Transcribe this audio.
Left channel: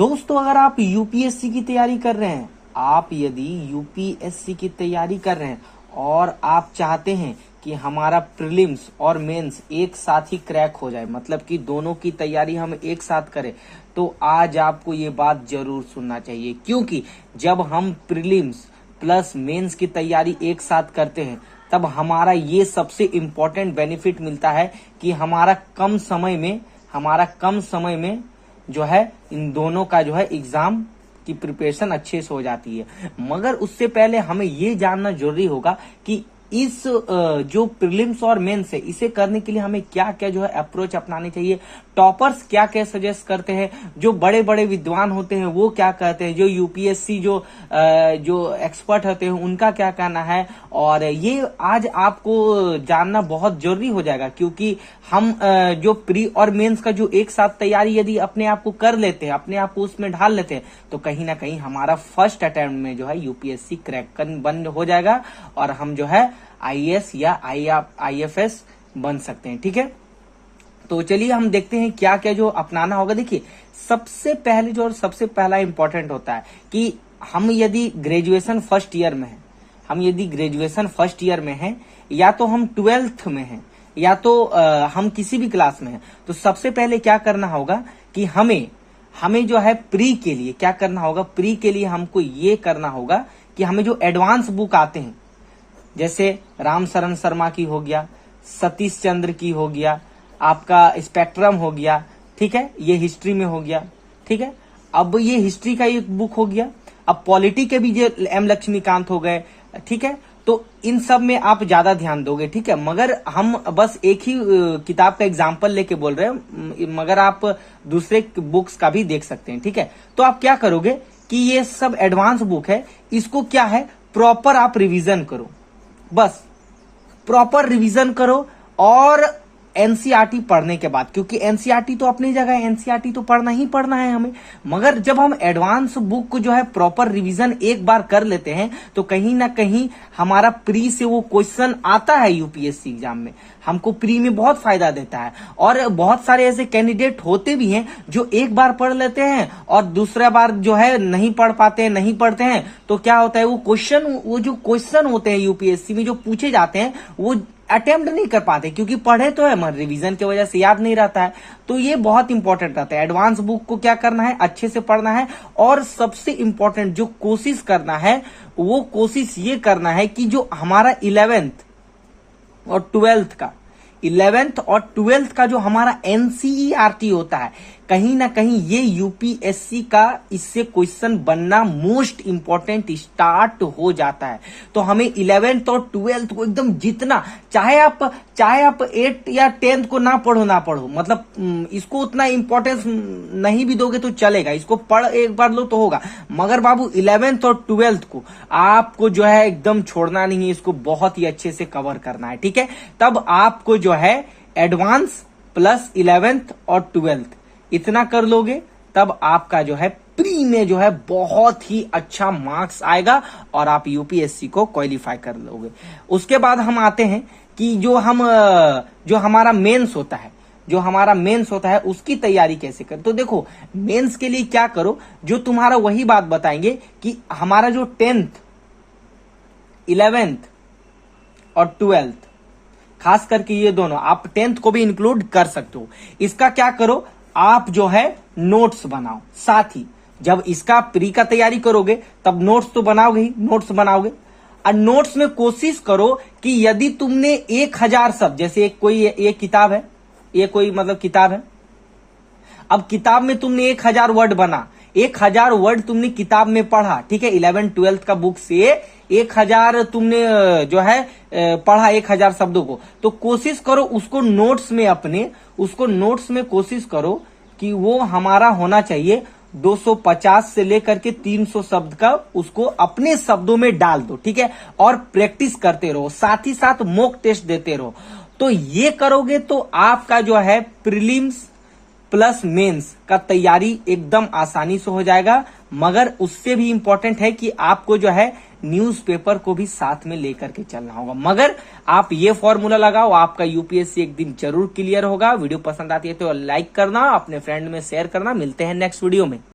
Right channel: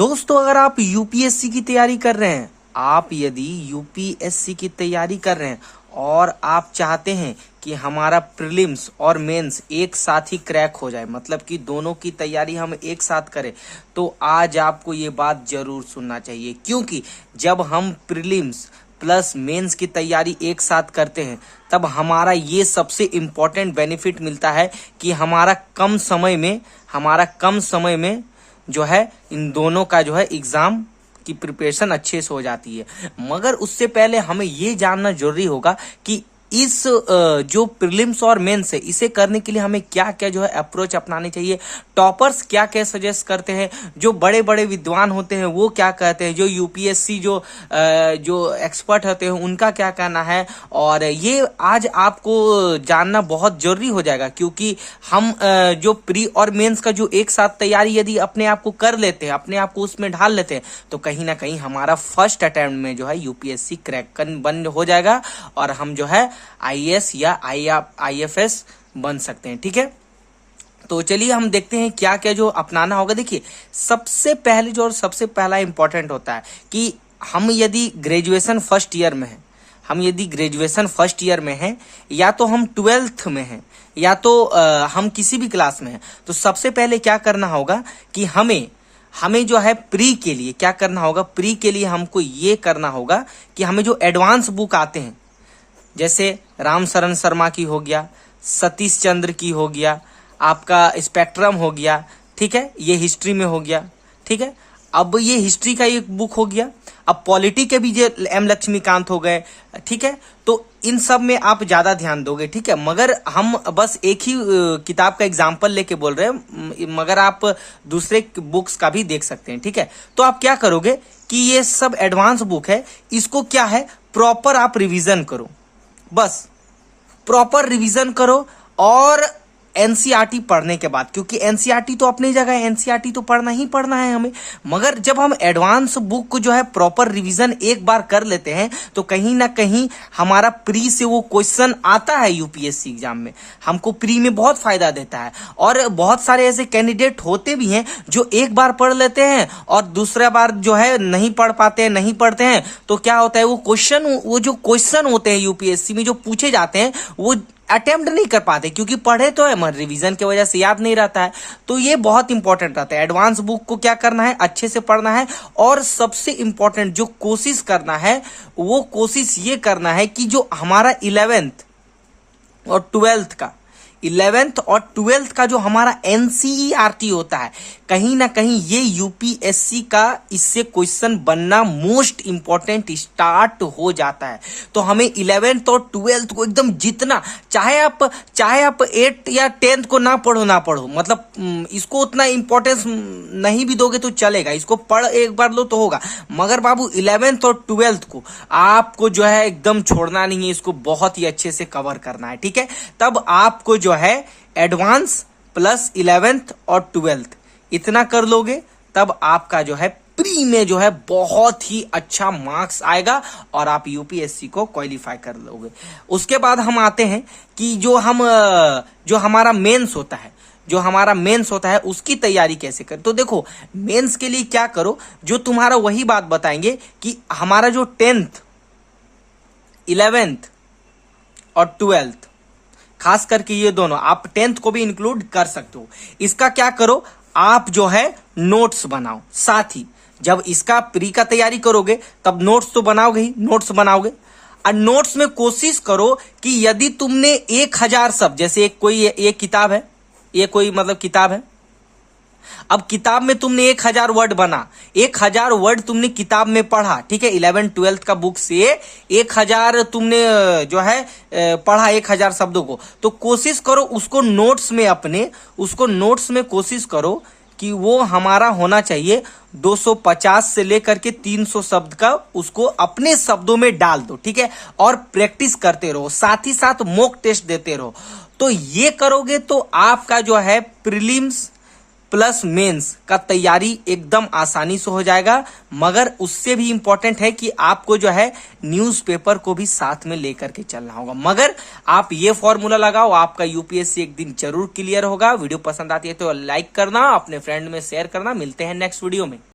दोस्तों, अगर आप यूपीएससी की तैयारी कर रहे हैं, आप यदि यूपीएससी की तैयारी कर रहे हैं और आप चाहते हैं कि हमारा प्रीलिम्स और मेंस एक साथ ही क्रैक हो जाए, मतलब कि दोनों की तैयारी हम एक साथ करें, तो आज आपको ये बात जरूर सुनना चाहिए। क्योंकि जब हम प्रीलिम्स प्लस मेंस की तैयारी एक साथ करते हैं तब हमारा ये सबसे इम्पोर्टेंट बेनिफिट मिलता है कि हमारा कम समय में जो है इन दोनों का जो है एग्जाम की प्रिपरेशन अच्छे से हो जाती है। मगर उससे पहले हमें ये जानना जरूरी होगा कि इस जो प्रीलिम्स और मेंस है, इसे करने के लिए हमें क्या क्या जो है अप्रोच अपनानी चाहिए। टॉपर्स क्या क्या सजेस्ट करते हैं, जो बड़े बड़े विद्वान होते हैं वो क्या कहते हैं, जो यूपीएससी जो एक्सपर्ट होते हैं उनका क्या कहना है, और ये आज आपको जानना बहुत जरूरी हो जाएगा। क्योंकि हम जो प्री और मेंस का जो एक साथ तैयारी यदि अपने आप को कर लेते हैं, अपने आप को उसमें ढाल लेते हैं, तो कहीं ना कहीं हमारा फर्स्ट अटेम्प्ट में जो है यूपीएससी क्रैक बन हो जाएगा और हम जो है आईएएस या आईएफएस बन सकते हैं। ठीक है, तो चलिए हम देखते हैं क्या क्या जो अपनाना होगा। देखिए, सबसे पहला इंपॉर्टेंट होता है कि हम यदि ग्रेजुएशन फर्स्ट ईयर में हैं, या तो हम 12th में हैं, या तो हम किसी भी क्लास में हैं, तो सबसे पहले क्या करना होगा कि हमें जो है प्री के लिए क्या करना होगा। प्री के लिए हमको ये करना होगा कि हमें जो एडवांस बुक आते हैं, जैसे राम शरण शर्मा की हो गया, सतीश चंद्र की हो गया, आपका स्पेक्ट्रम हो गया, ठीक है, ये हिस्ट्री में हो गया। ठीक है, अब ये हिस्ट्री का एक बुक हो गया। अब पॉलिटी के भी जो एम लक्ष्मीकांत हो गए, ठीक है, तो इन सब में आप ज्यादा ध्यान दोगे। ठीक है, मगर हम बस एक ही किताब का एग्जाम्पल लेके बोल रहे हैं, मगर आप दूसरे बुक्स का भी देख सकते हैं। ठीक है, तो आप क्या करोगे कि ये सब एडवांस बुक है, इसको क्या है प्रॉपर आप रिवीजन करो, बस प्रॉपर रिवीजन करो। और एनसीईआरटी पढ़ने के बाद, क्योंकि एनसीईआरटी तो अपनी जगह है, एनसीईआरटी तो पढ़ना ही पढ़ना है हमें, मगर जब हम एडवांस बुक को जो है प्रॉपर रिवीजन एक बार कर लेते हैं तो कहीं ना कहीं हमारा प्री से वो क्वेश्चन आता है यूपीएससी एग्जाम में, हमको प्री में बहुत फायदा देता है। और बहुत सारे ऐसे कैंडिडेट होते भी हैं जो एक बार पढ़ लेते हैं और दूसरा बार जो है नहीं पढ़ते हैं, तो क्या होता है वो जो क्वेश्चन होते हैं यूपीएससी में जो पूछे जाते हैं वो अटेम्प्ट नहीं कर पाते, क्योंकि पढ़े तो है मगर रिवीजन की वजह से याद नहीं रहता है। तो ये बहुत इंपॉर्टेंट रहता है। एडवांस बुक को क्या करना है, अच्छे से पढ़ना है। और सबसे इंपॉर्टेंट जो कोशिश करना है, वो कोशिश ये करना है कि जो हमारा 11th और 12th का जो हमारा एनसीईआरटी होता है, कहीं ना कहीं ये यूपीएससी का इससे क्वेश्चन बनना मोस्ट इंपॉर्टेंट स्टार्ट हो जाता है। तो हमें 11th और 12th को एकदम जितना चाहे आप 8th या 10th को ना पढ़ो, मतलब इसको उतना इंपॉर्टेंस नहीं भी दोगे तो चलेगा, इसको पढ़ एक बार लो तो होगा, मगर बाबू 11th और 12th को आपको जो है एकदम छोड़ना नहीं है, इसको बहुत ही अच्छे से कवर करना है। ठीक है, तब आपको जो है एडवांस प्लस 11th और 12th इतना कर लोगे, तब आपका जो है प्री में जो है बहुत ही अच्छा मार्क्स आएगा और आप यूपीएससी को क्वालिफाई कर लोगे। उसके बाद हम आते हैं कि जो हमारा मेंस होता है उसकी तैयारी कैसे करें। तो देखो, मेंस के लिए क्या करो, जो तुम्हारा वही बात बताएंगे कि हमारा जो 10th 11th और 12th, खास करके ये दोनों, आप 10th को भी इंक्लूड कर सकते हो। इसका क्या करो, आप जो है नोट्स बनाओ। साथ ही जब इसका प्री का तैयारी करोगे तब नोट्स तो बनाओगे और नोट्स में कोशिश करो कि यदि तुमने 1000 शब्द, जैसे एक किताब है, अब किताब में तुमने 1000 वर्ड बना, 1000 वर्ड तुमने किताब में पढ़ा, ठीक है, 11th 12th का बुक से 1000 तुमने जो है पढ़ा 1000 शब्दों को, तो कोशिश करो उसको नोट्स में कोशिश करो कि वो हमारा होना चाहिए 250 से लेकर के 300 शब्द का, उसको अपने शब्दों में डाल दो। ठीक है, और प्रैक्टिस करते रहो, साथ ही साथ मॉक टेस्ट देते रहो। तो ये करोगे तो आपका जो है प्रीलिम्स प्लस मेंस का तैयारी एकदम आसानी से हो जाएगा। मगर उससे भी इंपॉर्टेंट है कि आपको जो है न्यूज़पेपर को भी साथ में लेकर के चलना होगा। मगर आप ये फॉर्मूला लगाओ, आपका यूपीएससी एक दिन जरूर क्लियर होगा। वीडियो पसंद आती है तो लाइक करना, अपने फ्रेंड में शेयर करना। मिलते हैं नेक्स्ट वीडियो में।